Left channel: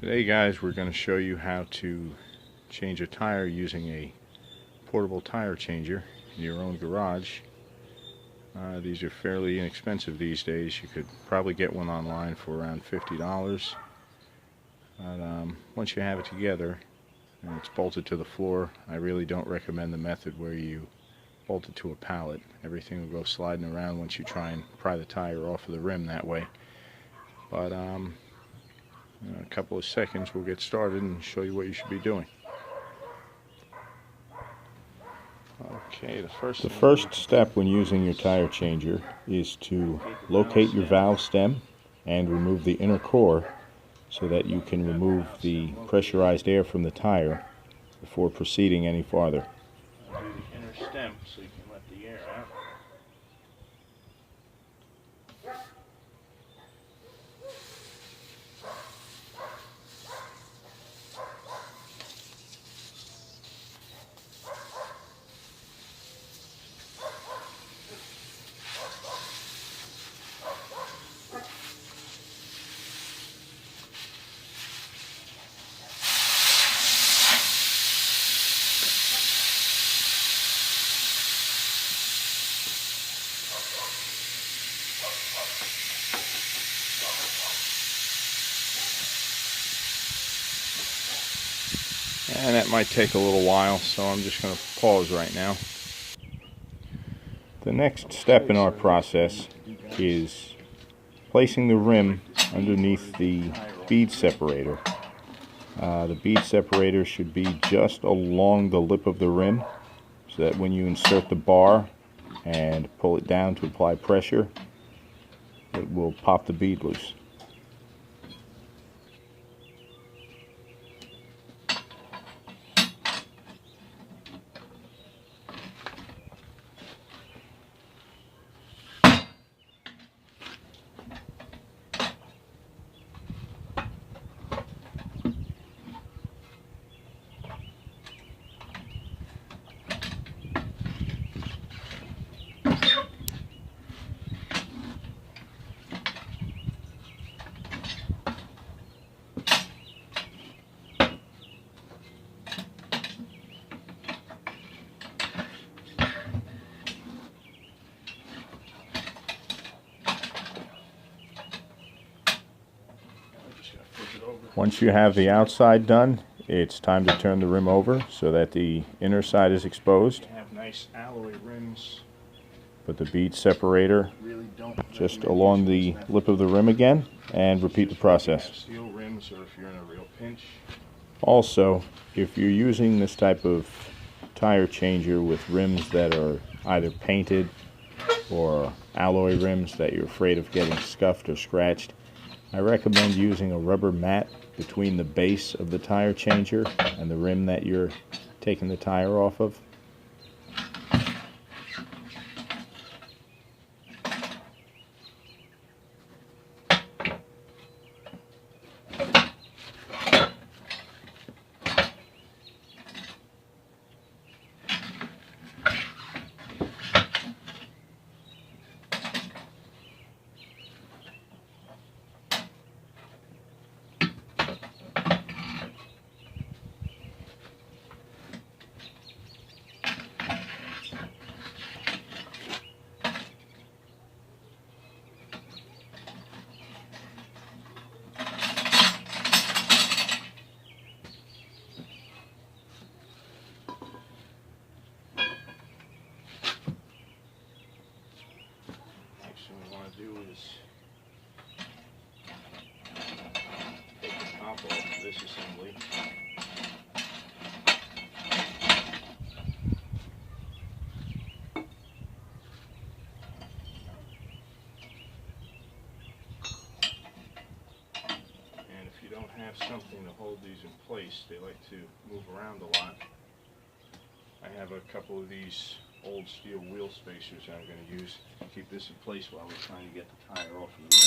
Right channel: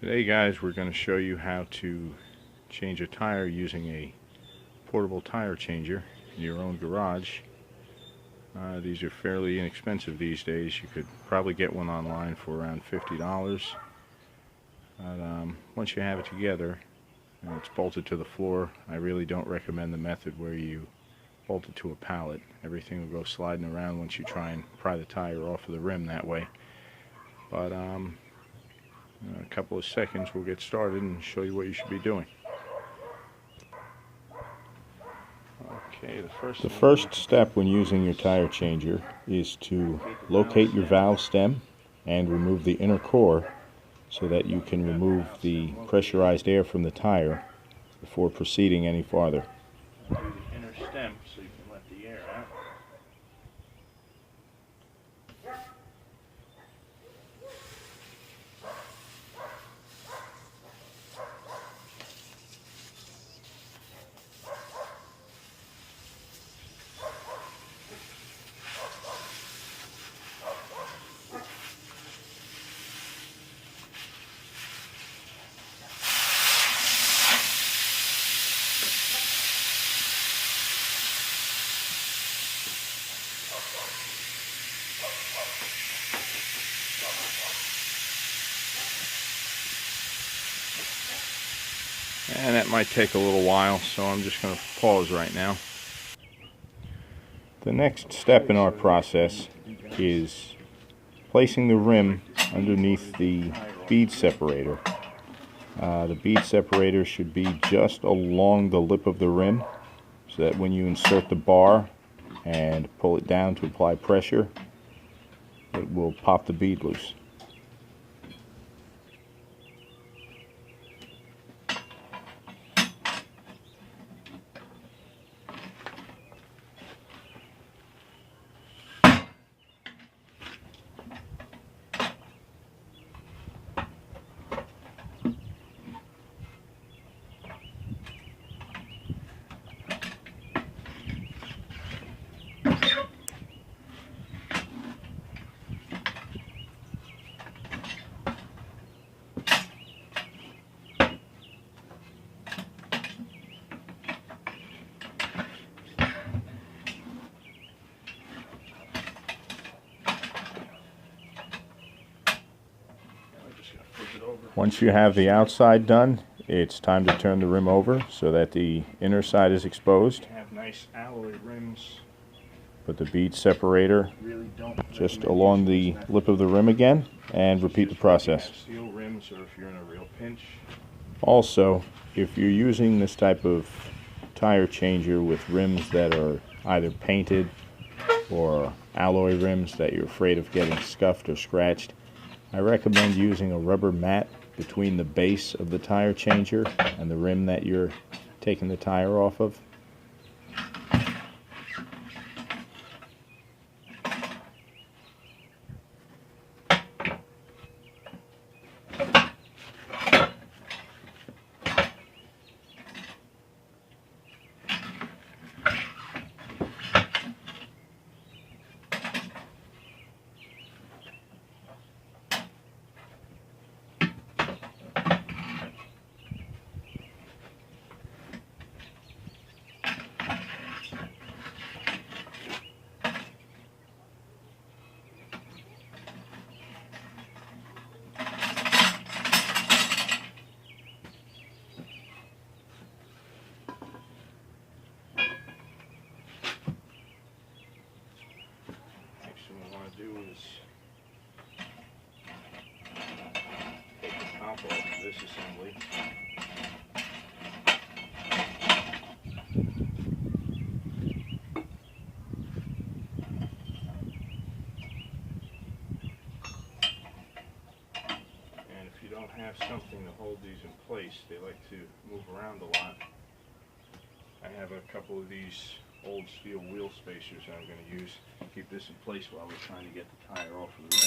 Today, guys, we're going to show you how to change a tire using a portable tire changer in your own garage. These are fairly inexpensive these days. You could probably get one online for around $50. But once you have it together and it's bolted to the floor, I really don't recommend the method where you bolt it to a pallet. Everything will go sliding around once you try and pry the tire off of the rim that way. But in a couple of seconds we'll get started and show you what you should be doing. Okay, the first step when using your tire changer is to locate your valve stem and remove the inner core so that you can remove the pressurized air from the tire before proceeding any farther. Do the inner stem so you can let the air out. And that might take a little while, so I'm just going to pause right now. The next step in our process is placing the rim underneath the bead separator. The bead separator should be just along the lip of the rim so that when you insert the bar and pull it down to apply pressure, it will pop the bead loose. Once you have the outside done, it's time to turn the rim over so that the inner side is exposed. Have nice alloy rims. Put the bead separator just along the lip of the rim again and repeat the process. Steel rims, or if you're in a real pinch. Also, if you're using this type of tire changer with rims that are either painted or alloy rims that you're afraid of getting scuffed or scratched, I recommend using a rubber mat between the base of the tire changer and the rim that you're taking the tire off of. What we want to do is take the top off of this assembly. And if you don't have something to hold these in place, they like to move around a lot. I have a couple of these old steel wheel spacers I'm going to use to keep this in place while we're trying to get the tire off of the rim.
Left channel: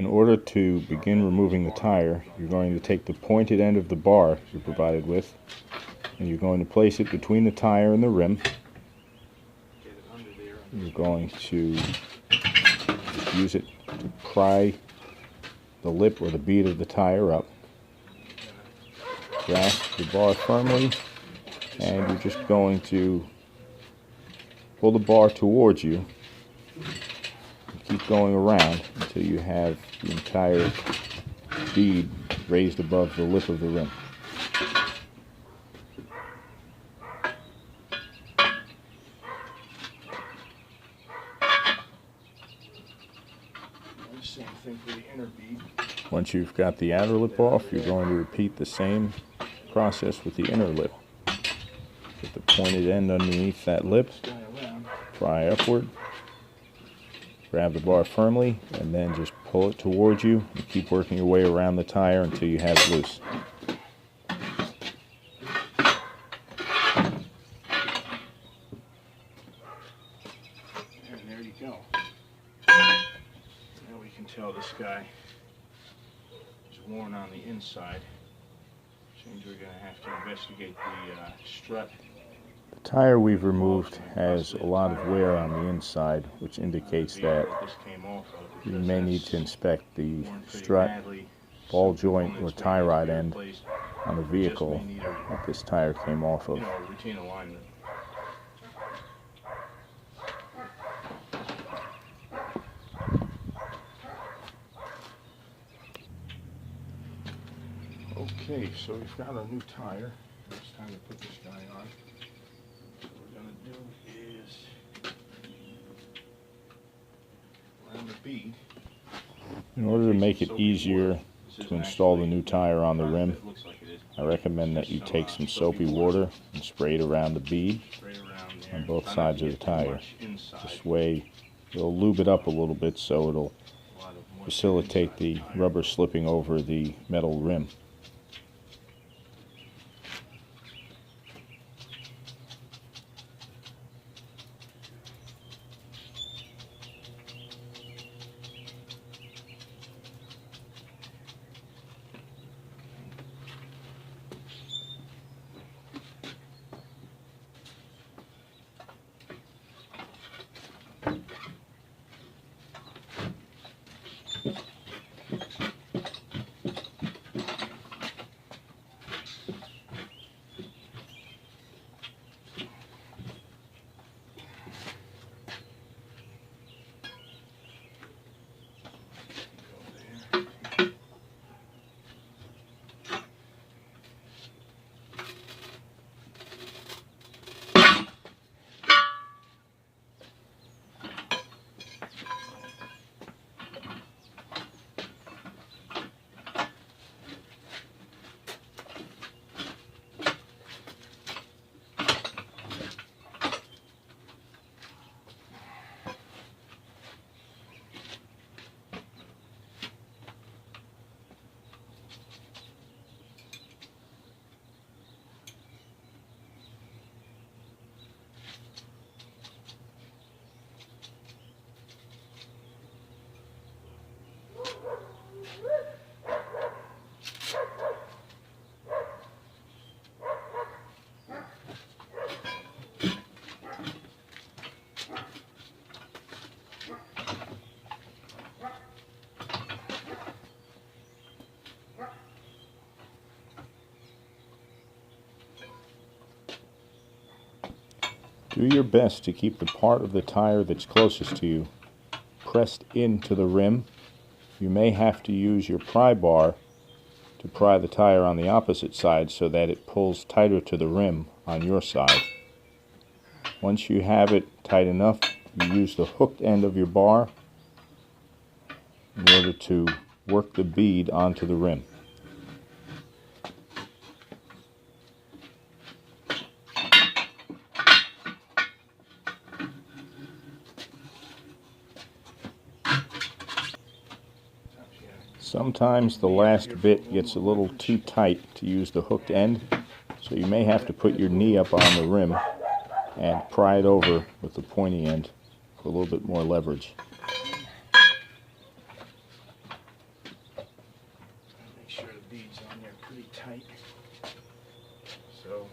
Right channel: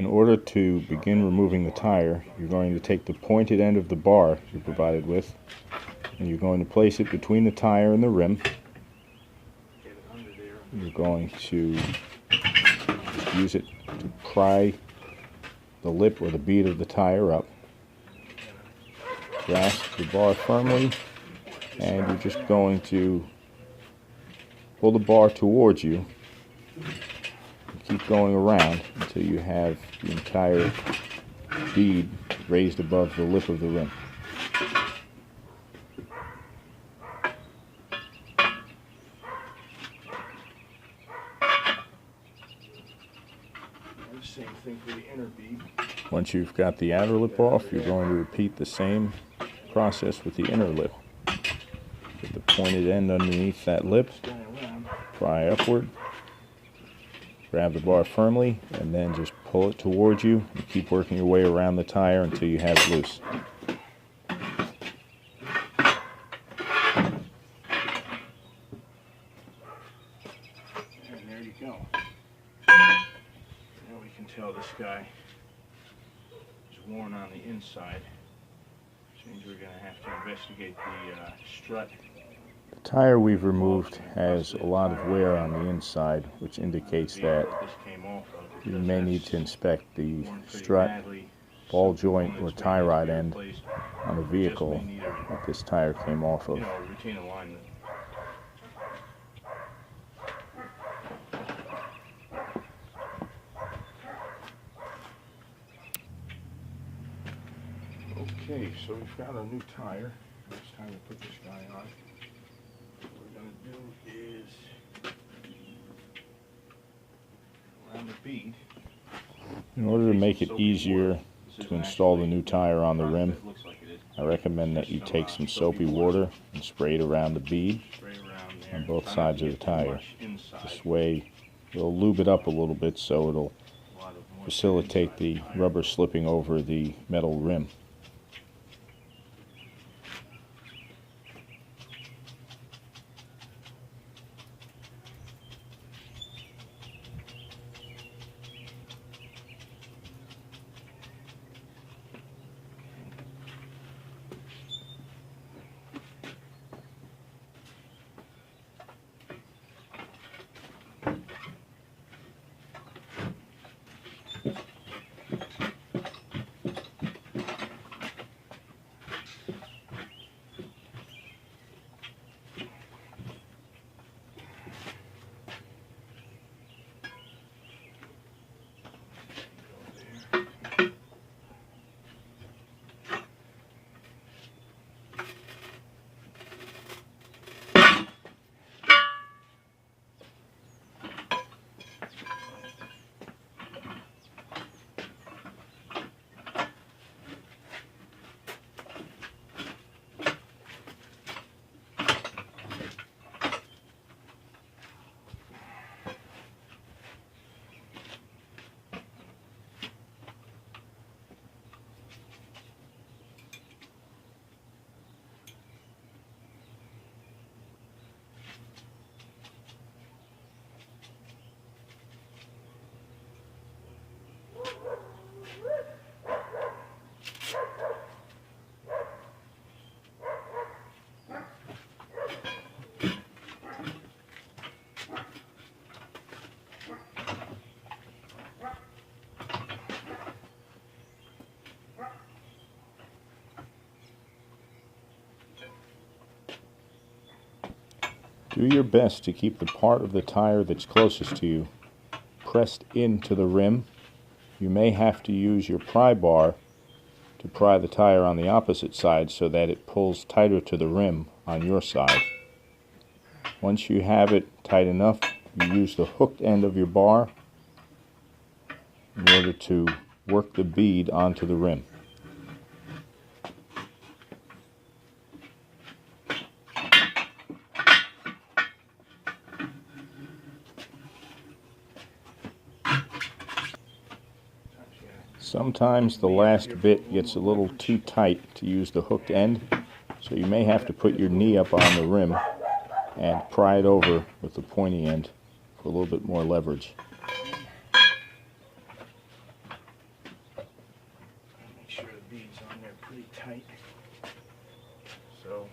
In order to begin removing the tire, you're going to take the pointed end of the bar you're provided with, and you're going to place it between the tire and the rim. You're going to just use it to pry the lip or the bead of the tire up. Grasp the bar firmly, and you're just going to pull the bar towards you and keep going around until you have the entire bead raised above the lip of the rim. Same thing for the inner bead. Once you've got the outer lip off, you're going to repeat the same process with the inner lip. Get the pointed end underneath that lip, pry upward, grab the bar firmly, and then just pull it towards you and keep working your way around the tire until you have it loose. And there you go. Now we can tell this guy is worn on the inside. Which means we're going to have to investigate the strut. The tire we've removed has a lot of wear on the inside, which indicates that you may need to inspect the strut, ball joint, or tie rod end on the vehicle that this tire came off of. Routine alignment. Okay, so we've got a new tire. It's time to put this guy on. What we're going to do is around the bead. In order to make it easier to install the new tire on the rim, I recommend that you take some soapy water and spray it around the bead on both sides of the tire. This way you'll lube it up a little bit so it'll facilitate the rubber slipping over the metal rim. Do your best to keep the part of the tire that's closest to you pressed into the rim. You may have to use your pry bar to pry the tire on the opposite side so that it pulls tighter to the rim on your side. Once you have it tight enough, you use the hooked end of your bar in order to work the bead onto the rim. Sometimes the last bit gets a little too tight to use the hooked end, so you may have to put your knee up on the rim and pry it over with the pointy end for a little bit more leverage. pretty tight. So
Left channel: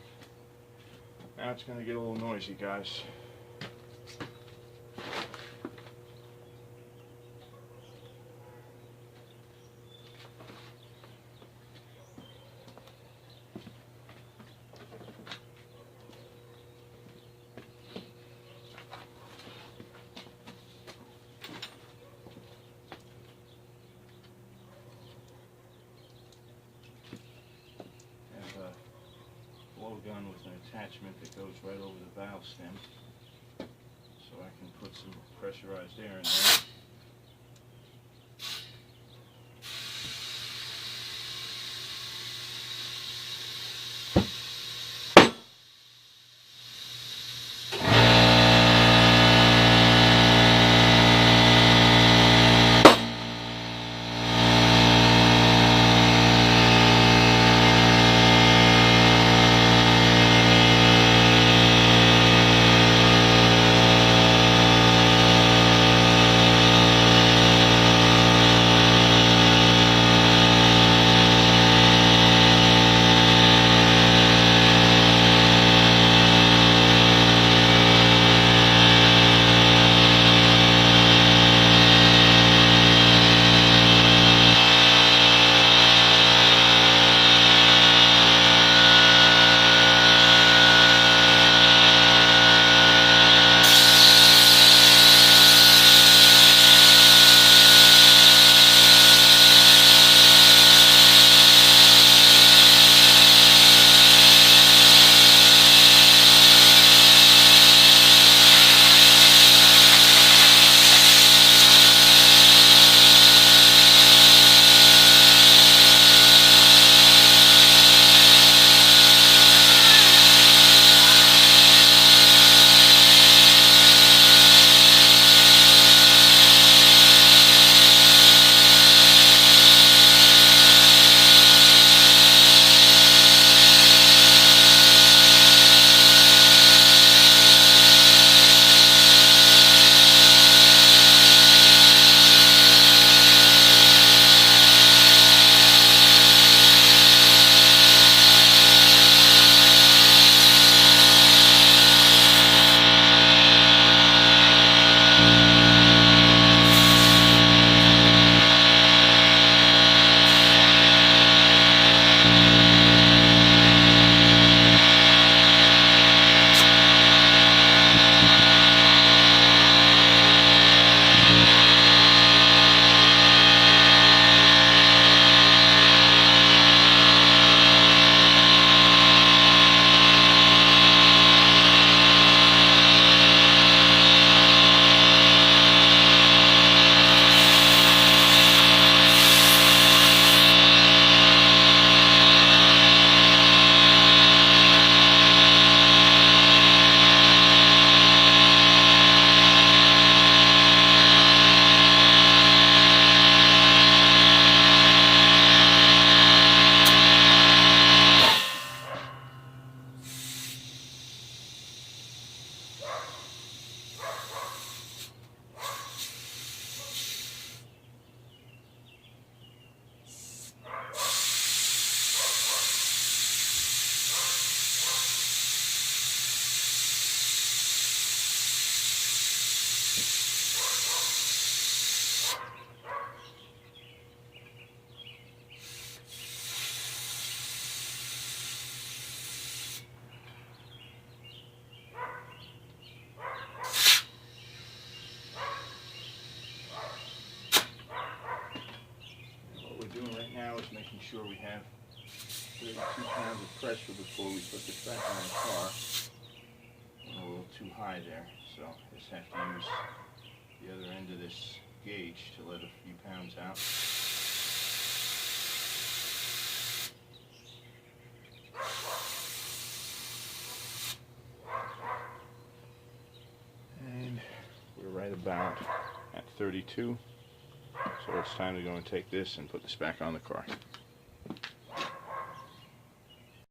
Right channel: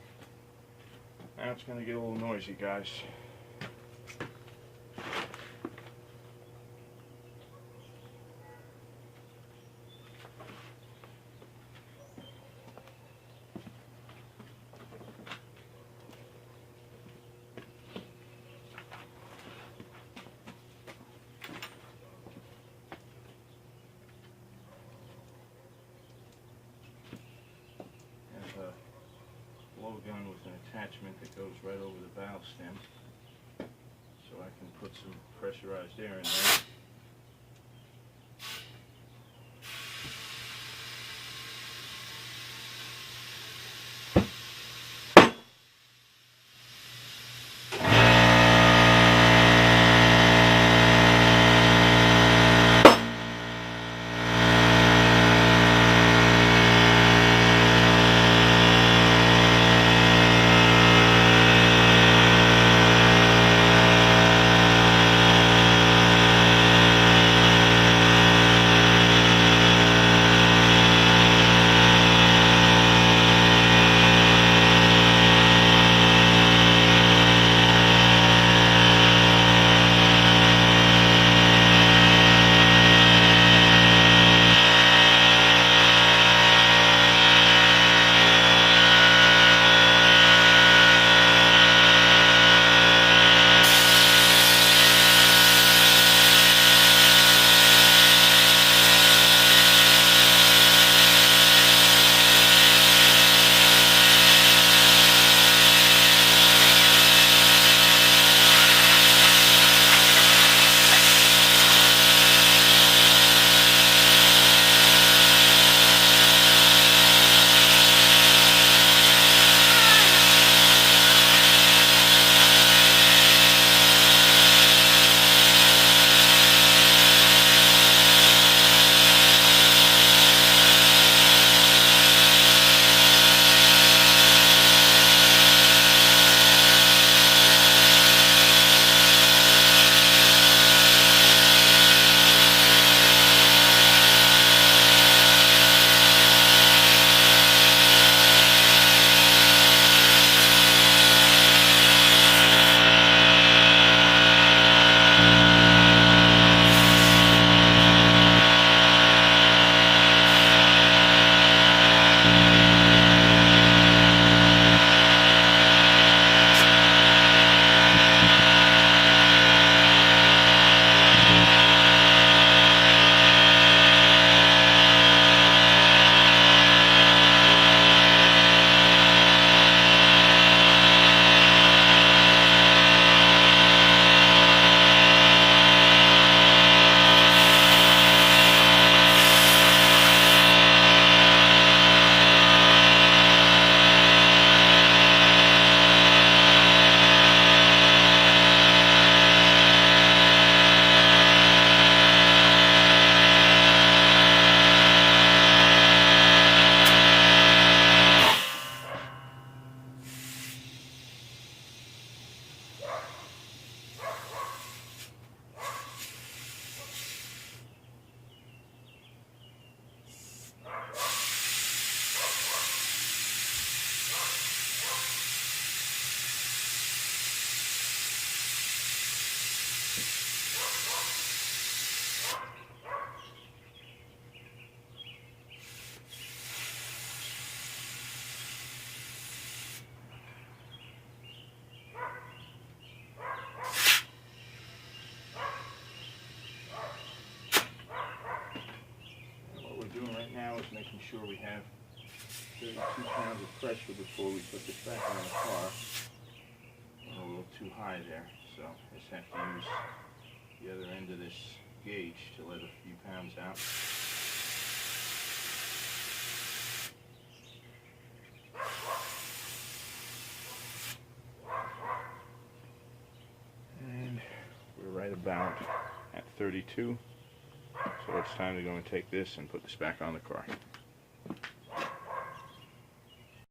now it's going to get a little noisy, guys. Blowgun with an attachment that goes right over the valve stem, so I can put some pressurized air in there. Making sure we have 32 pounds of pressure before we put this back on the car. We're a little too high there, so I just have to use the other end of this gauge to let a few pounds out. And we're right about at 32. So it's time to go and take this and put this back on the car.